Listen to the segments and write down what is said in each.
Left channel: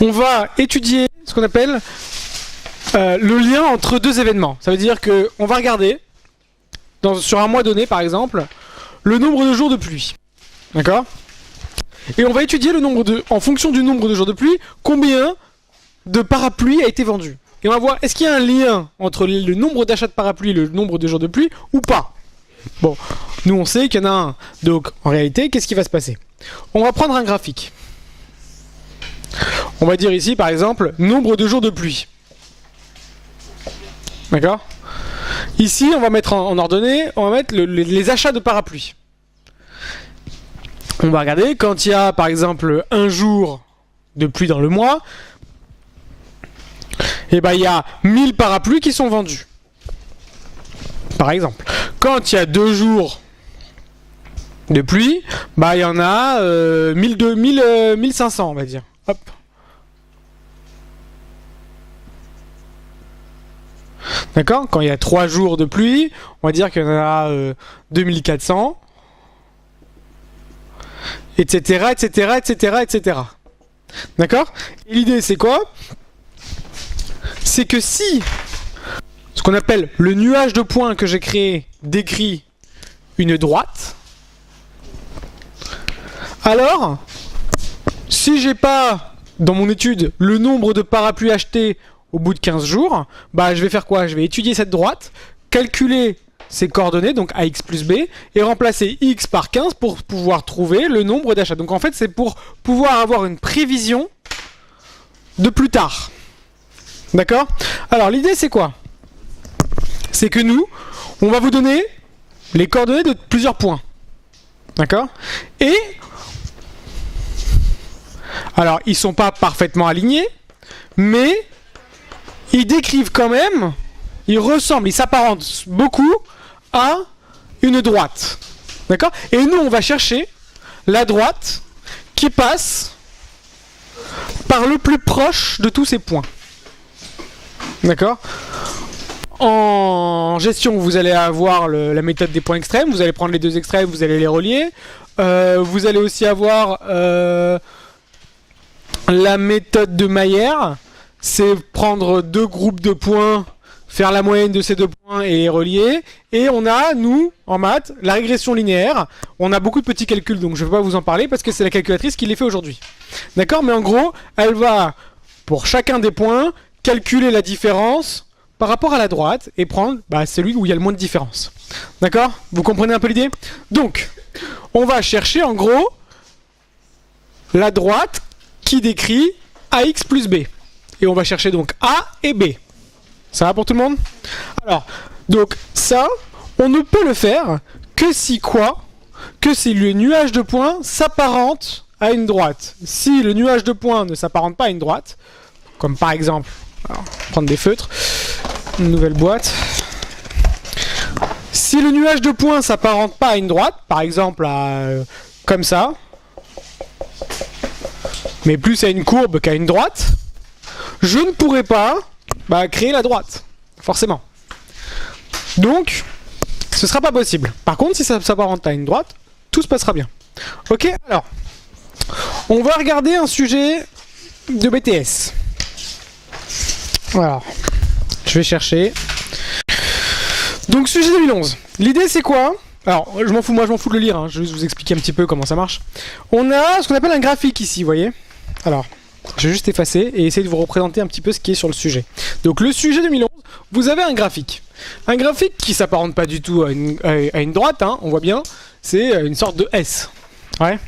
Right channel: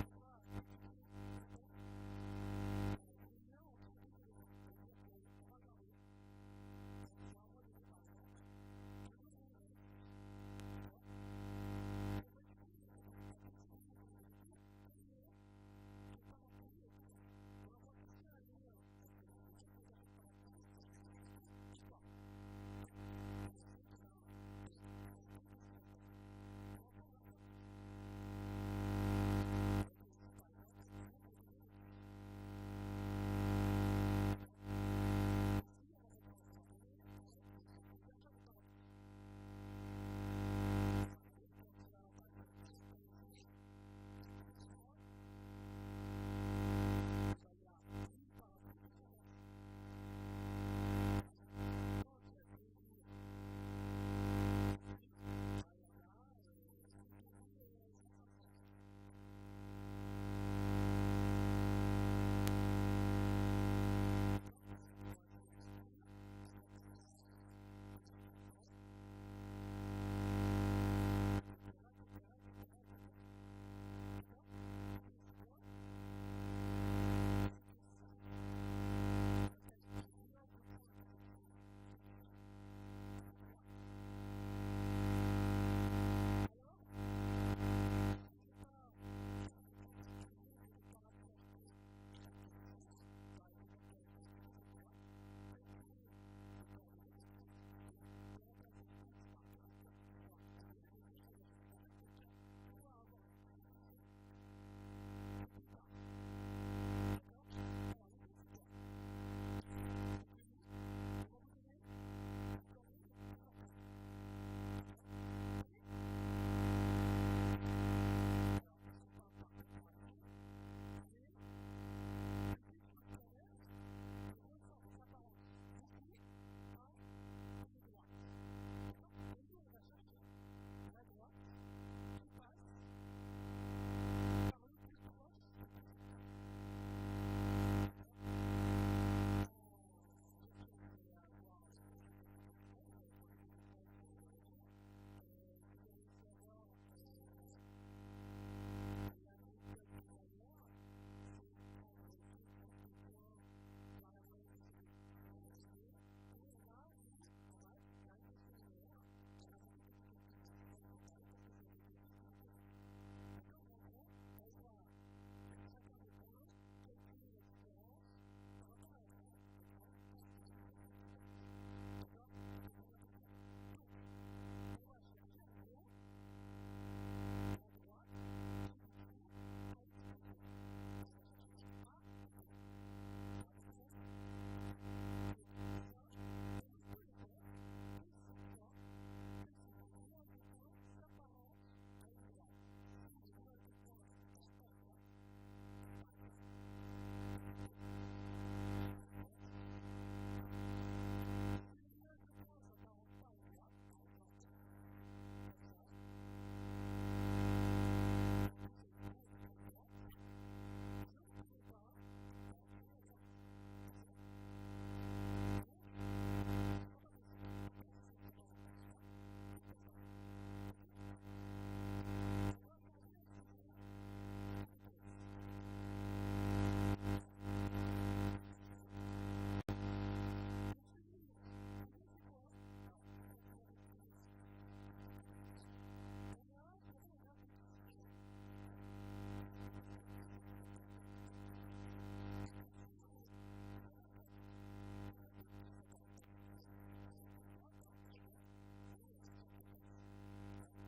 on va étudier ce qu'on appelle le lien entre deux événements. Ça veut dire qu'on va regarder, sur un mois donné par exemple, le nombre de jours de pluie. D'accord? Et on va étudier le nombre en fonction du nombre de jours de pluie, combien de parapluies a été vendu. Et on va voir, est-ce qu'il y a un lien entre le nombre d'achats de parapluies et le nombre de jours de pluie ou pas? Bon, nous on sait qu'il y en a un. Donc en réalité, qu'est-ce qui va se passer? On va prendre un graphique. On va dire ici par exemple, nombre de jours de pluie. D'accord? Ici, on va mettre en ordonnée, on va mettre les achats de parapluies. On va regarder, quand il y a par exemple un jour de pluie dans le mois, et ben il y a 1000 parapluies qui sont vendus. Par exemple. Quand il y a 2 jours de pluie, bah il y en a 1500 on va dire. Hop. D'accord? Quand il y a 3 jours de pluie, on va dire qu'il y en a 2400. Etc, etc, etc, etc. D'accord? L'idée c'est quoi? C'est que si ce qu'on appelle le nuage de points que j'ai créé décrit une droite, alors si j'ai pas dans mon étude le nombre de parapluies achetés au bout de 15 jours, bah je vais faire quoi? Je vais étudier cette droite, calculer ses coordonnées, donc AX plus B, et remplacer X par 15 pour pouvoir trouver le nombre d'achats. Donc en fait c'est pour pouvoir avoir une prévision de plus tard. D'accord? Alors l'idée c'est quoi? C'est que nous, on va vous donner les coordonnées de plusieurs points. D'accord? Et alors ils sont pas parfaitement alignés, mais ils décrivent quand même, ils ressemblent, ils s'apparentent beaucoup à une droite. D'accord? Et nous on va chercher la droite qui passe par le plus proche de tous ces points. D'accord? En gestion, vous allez avoir la méthode des points extrêmes. Vous allez prendre les deux extrêmes, vous allez les relier. Vous allez aussi avoir la méthode de Mayer. C'est prendre deux groupes de points, faire la moyenne de ces deux points et les relier. Et on a, nous, en maths, la régression linéaire. On a beaucoup de petits calculs, donc je ne vais pas vous en parler parce que c'est la calculatrice qui les fait aujourd'hui. D'accord? Mais en gros, elle va, pour chacun des points, calculer la différence par rapport à la droite et prendre celui où il y a le moins de différence. D'accord? Vous comprenez un peu l'idée? Donc, on va chercher en gros la droite qui décrit AX plus B. Et on va chercher donc A et B. Ça va pour tout le monde? Alors, donc ça, on ne peut le faire que si quoi? Que si le nuage de points s'apparente à une droite. Si le nuage de points ne s'apparente pas à une droite, comme par exemple, alors, prendre des feutres, une nouvelle boîte. Si le nuage de points s'apparente pas à une droite, par exemple à comme ça, mais plus à une courbe qu'à une droite, je ne pourrai pas créer la droite, forcément. Donc, ce sera pas possible. Par contre, si ça s'apparente à une droite, tout se passera bien. Ok, alors, on va regarder un sujet de BTS. Alors, je vais chercher. Donc, sujet 2011. L'idée, c'est quoi? Alors, je m'en fous de le lire, hein. Je vais juste vous expliquer un petit peu comment ça marche. On a ce qu'on appelle un graphique ici, vous voyez? Alors, je vais juste effacer et essayer de vous représenter un petit peu ce qui est sur le sujet. Donc, le sujet 2011, vous avez un graphique. Un graphique qui s'apparente pas du tout à une droite, hein, on voit bien. C'est une sorte de S. Ouais.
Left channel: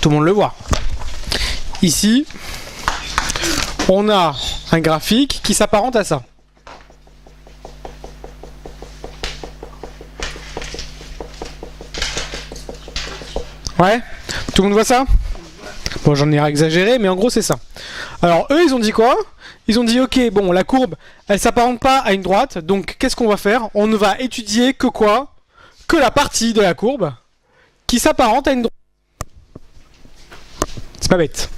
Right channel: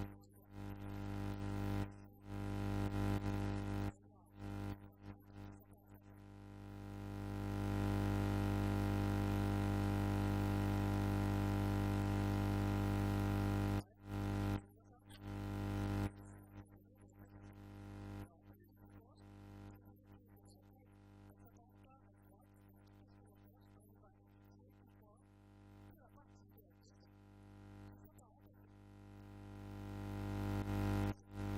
Tout le monde le voit. Ici, on a un graphique qui s'apparente à ça. Ouais? Tout le monde voit ça? Bon, j'en ai exagéré, mais en gros, c'est ça. Alors, eux, ils ont dit quoi? Ils ont dit, ok, bon, la courbe, elle s'apparente pas à une droite, donc qu'est-ce qu'on va faire? On ne va étudier que quoi? Que la partie de la courbe qui s'apparente à une droite. C'est pas bête.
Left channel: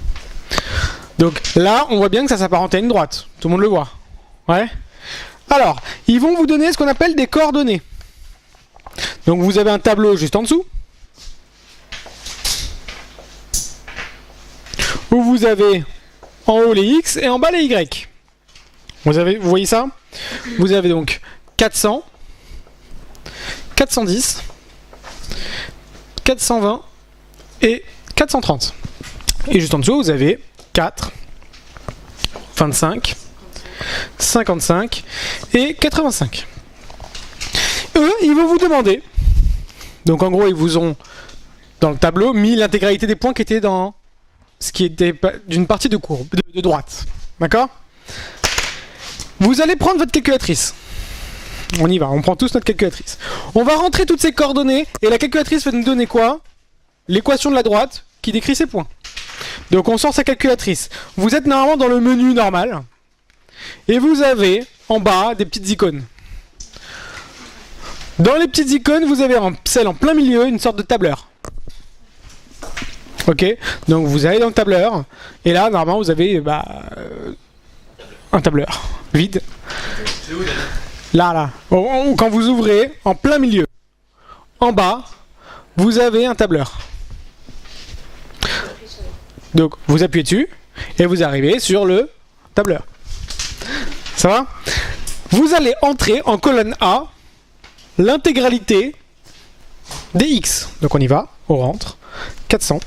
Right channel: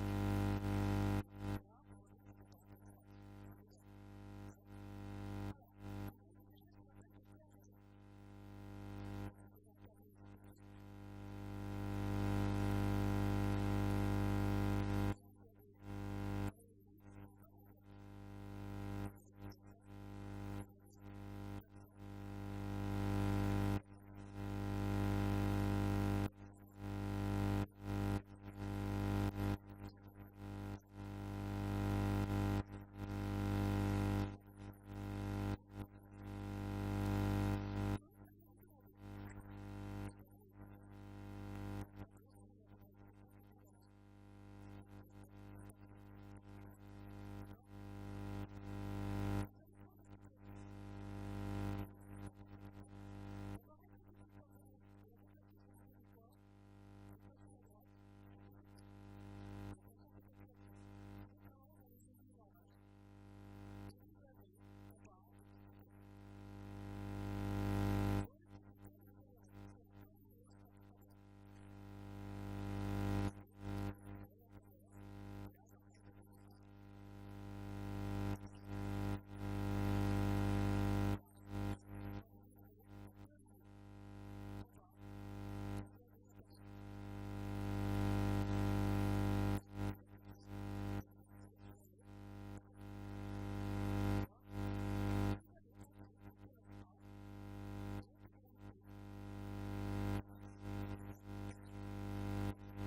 Donc là, on voit bien que ça s'apparente à une droite. Tout le monde le voit. Ouais. Alors, ils vont vous donner ce qu'on appelle des coordonnées. Donc vous avez un tableau juste en dessous, où vous avez en haut les x et en bas les y. Vous voyez ça? Vous avez donc 400, 410, 420 et 430. Et juste en dessous, vous avez 4, 25, 55 et 85. Eux, ils vont vous demander, donc en gros, ils vous ont, dans le tableau, mis l'intégralité des points qui étaient dans ce qui était d'une partie de courbe, de droite. D'accord? Vous allez prendre votre calculatrice. On y va, on prend tous notre calculatrice. On va rentrer toutes ces coordonnées, et la calculatrice va nous donner quoi? L'équation de la droite qui décrit ces points. Donc on sort sa calculatrice. Vous êtes normalement dans le menu normal. Et vous avez en bas des petites icônes. Dans les petites icônes, vous avez celle en plein milieu, une sorte de tableur. Ok, donc vous allez dans le tableur. Et là, normalement, vous avez un tableur vide. Là. Quand vous ouvrez, en plein milieu, en bas, vous avez un tableur. Donc vous appuyez dessus et vous arrivez sur le tableur. Ça va? Vous allez entrer en colonne A l'intégralité des x. Donc on y va, on rentre. 400,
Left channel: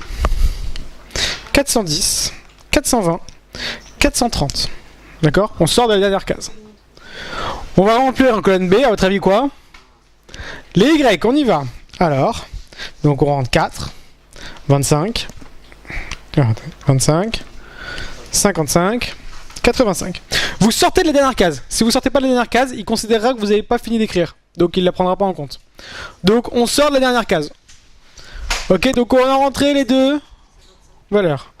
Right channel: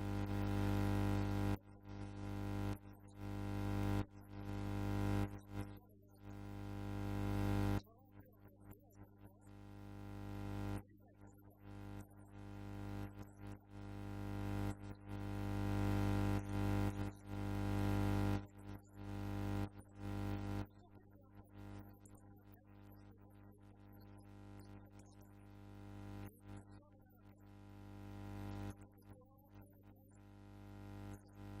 410, 420, 430. D'accord? On sort de la dernière case. On va remplir en colonne B, à votre avis quoi? Les y, on y va. Alors, donc on rentre 4, 25, 25, 55, 85. Vous sortez de la dernière case. Si vous sortez pas de la dernière case, il considérera que vous n'avez pas fini d'écrire. Donc il ne la prendra pas en compte. Donc on sort de la dernière case. Ok, donc on a rentré les deux valeurs.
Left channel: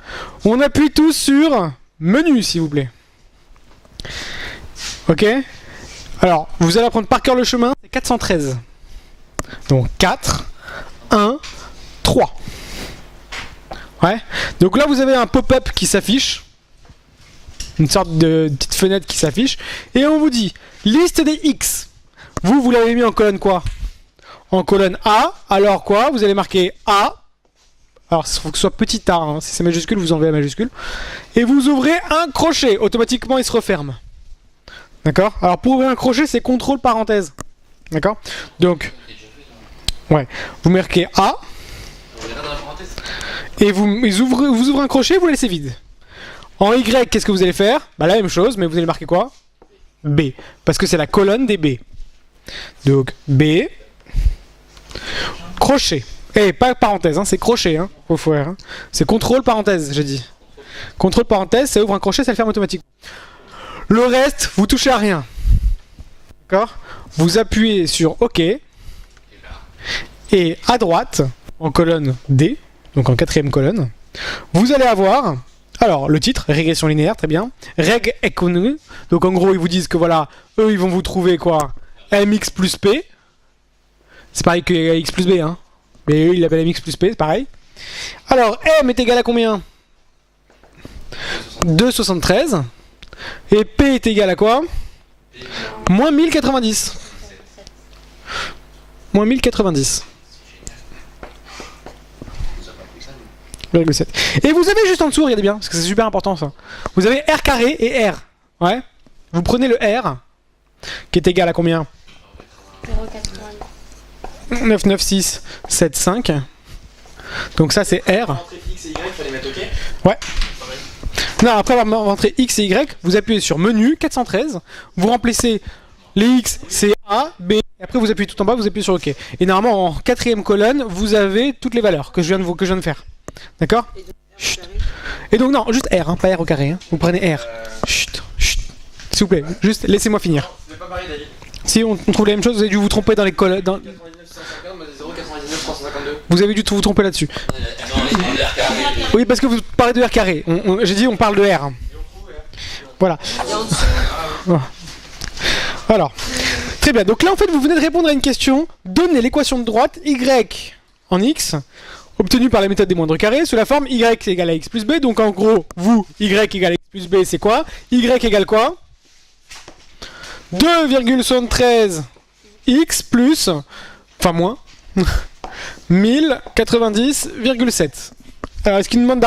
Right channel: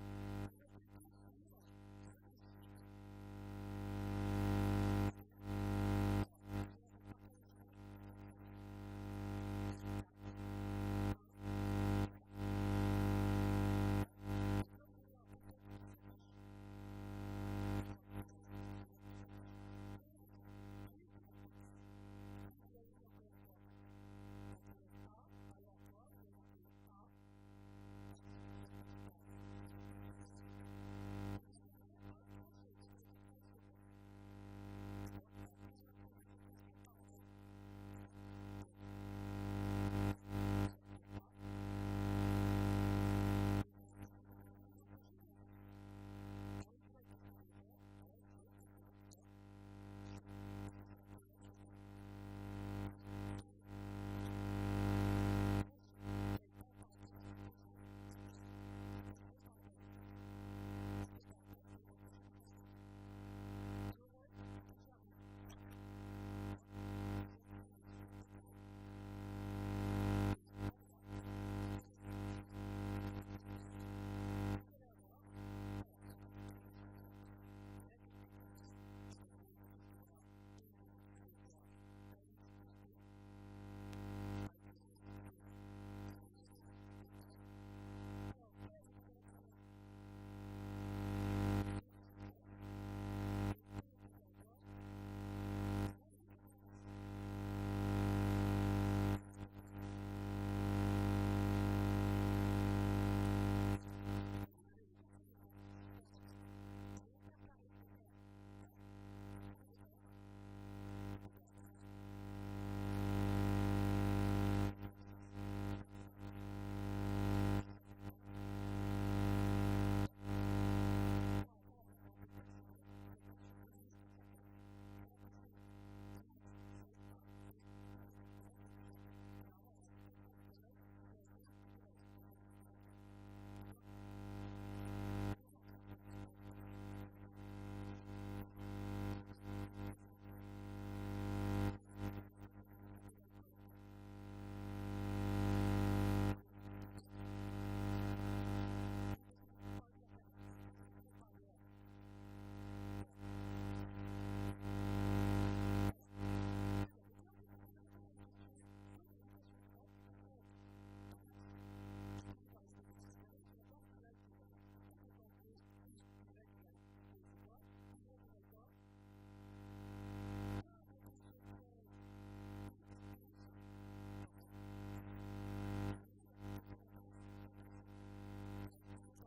On appuie tous sur menu, s'il vous plaît. Ok. Alors, vous allez apprendre par cœur le chemin. C'est 413. Donc 4, 1, 3. Ouais. Donc là, vous avez un pop-up qui s'affiche. Une sorte de petite fenêtre qui s'affiche. Et on vous dit, liste des X. Vous l'avez mis en colonne quoi? En colonne A. Alors quoi? Vous allez marquer A. Alors, il faut que ce soit petit a. Hein. Si c'est majuscule, vous enlevez la majuscule. Et vous ouvrez un crochet. Automatiquement, il se referme. D'accord? Alors, pour ouvrir un crochet, c'est contrôle parenthèse. D'accord? Donc, ouais. Vous marquez A. Et vous ouvrez un crochet, vous le laissez vide. En Y, qu'est-ce que vous allez faire? Bah la même chose, mais vous allez marquer quoi? B. Parce que c'est la colonne des B. Donc B. Crochet. Eh, pas parenthèse, hein, c'est crochet, hein, faut faire. Hein. C'est contrôle parenthèse, j'ai dit. Contrôle parenthèse, ça ouvre un crochet, ça le ferme automatique. Le reste, vous touchez à rien. D'accord? Vous appuyez sur OK. Et à droite, en colonne D, donc en quatrième colonne, vous allez avoir, alors le titre, régression linéaire, très bien, reg économique, donc en gros ils vous disent que voilà, eux ils vont vous trouver quoi, mx plus p, c'est pareil que x plus b, hein, mais eux ils l'appellent mx plus p, c'est pareil. Alors m est égal à combien? 2,73, et p est égal à quoi? Moins 1090. Moins 1090. 0,7. Et vous avez juste en dessous, regardez bien, parce que c'est super important ça. Vous avez R carré et R. Ouais. Vous prenez le R, qui est égal à combien? 99675. Donc ça c'est R. Ouais. Non, après avoir rentré X et Y, vous appuyez sur menu 413. Vous remplacez les X, c'est A, B. Et après vous appuyez tout en bas, vous appuyez sur OK. Et normalement en quatrième colonne, vous avez toutes les valeurs que je viens de faire. D'accord? Et donc non, juste R, hein, pas R au carré. Hein. Vous prenez R. Chut, chut. S'il vous plaît, juste laissez-moi finir. Si on trouve la même chose, vous avez dû vous tromper dans les colonnes. Dans... Vous avez dû vous tromper là-dessus. Oui, parce que vous parlez de R carré. J'ai dit on parle de R. Voilà. Alors, très bien. Donc là, en fait, vous venez de répondre à une question. Donnez l'équation de droite y en x obtenue par la méthode des moindres carrés sous la forme y égale à x plus b. Donc en gros, vous, y égale à x plus b, c'est quoi? Y égale quoi? 2,73 x plus, enfin moins, 1090,7. Alors est-ce qu'il nous demande d'arrondir?